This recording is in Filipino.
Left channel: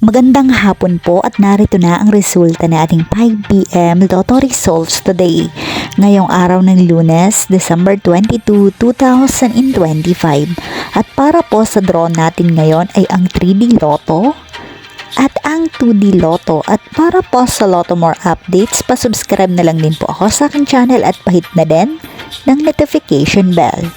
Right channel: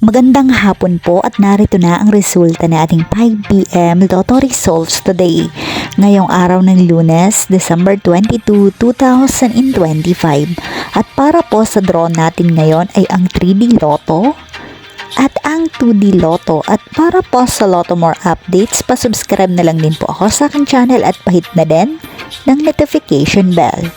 Magandang hapon po at narito na ang resulta ng ating 5 p.m. Lotto results today. Ngayong araw ng Lunes, December 22, 2025. At para po sa draw natin ngayon ay ang 3D Lotto at ang 2D Lotto. At para po sa Lotto More updates, pasubscribe na lang din po ako sa aking channel at pahit na din ng notification bell.